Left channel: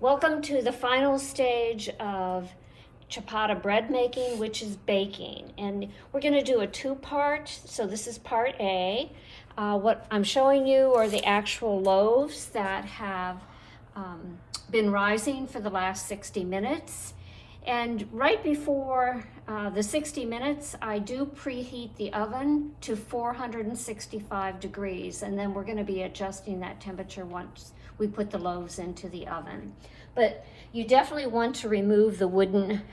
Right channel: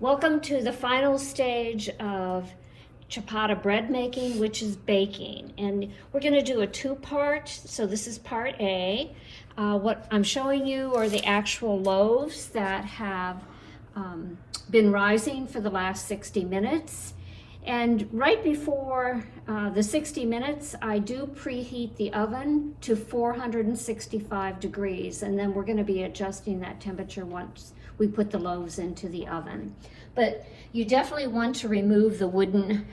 Welcome to the final stage of ciabatta bread making, which is baking. And we're going to do a two-part, so this is part A. What I'm showing you are the actual loaves that have been rising for the last 60 minutes. And right before the 60 minutes, I do preheat the oven to 465 degrees, and then we're going to be adjusting that temperature once we put the loaves into the oven. But you definitely want to remove the wooden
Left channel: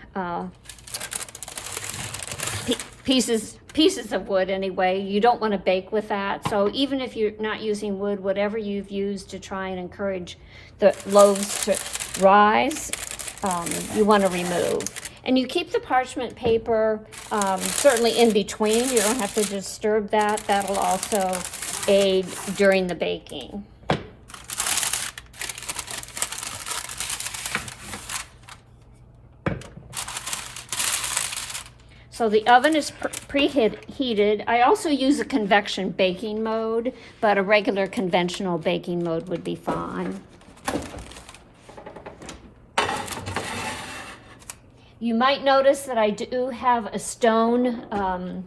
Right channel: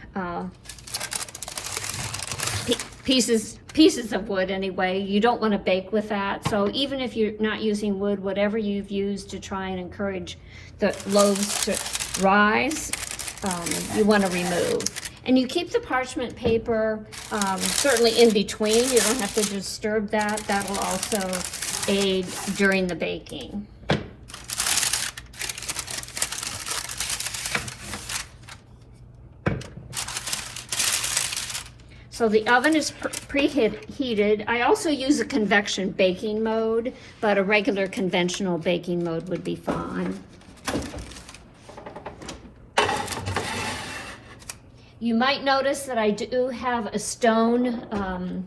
pieces of wood anyway. You don't want to bake with that. So even if you're not using wood, whatever you've used to try and encourage the loaves to rise, you want to remove. And you keep the parchment paper certainly in between. You don't have to disturb that. That'll also aid during the baking. So the oven is preheated. I also use a convection baking mode, but a regular conventional baking mode would be fine. You might notice that I do have a stone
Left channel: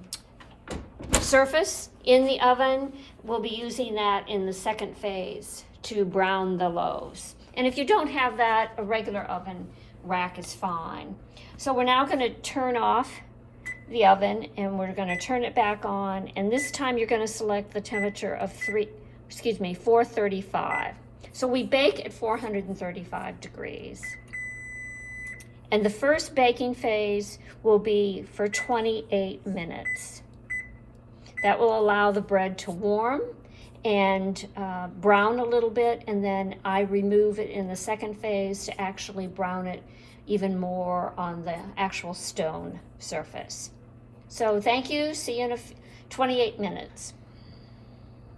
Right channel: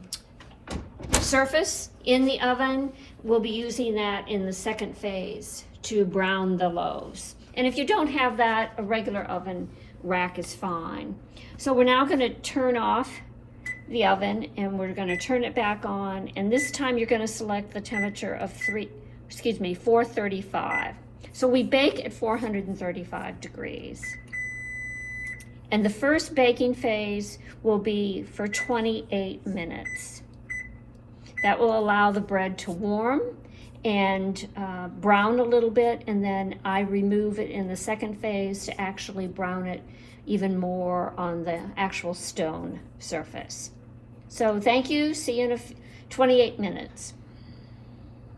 surface in the oven. We'll be using that in the second phase to brown the loaves. And if you don't have that, a regular oven rack is fine. So we're now going to turn off the oven and we're going to turn it back on, and this time you're going to select the temperature of 435. So we bake at 435 degrees. And the first baking phase will be for 28 minutes. That will allow the bread to warm and brown a little bit, and then I remove it in the second phase to actually brown it even more on the actual stone surface. So thank you, see you in 28 minutes.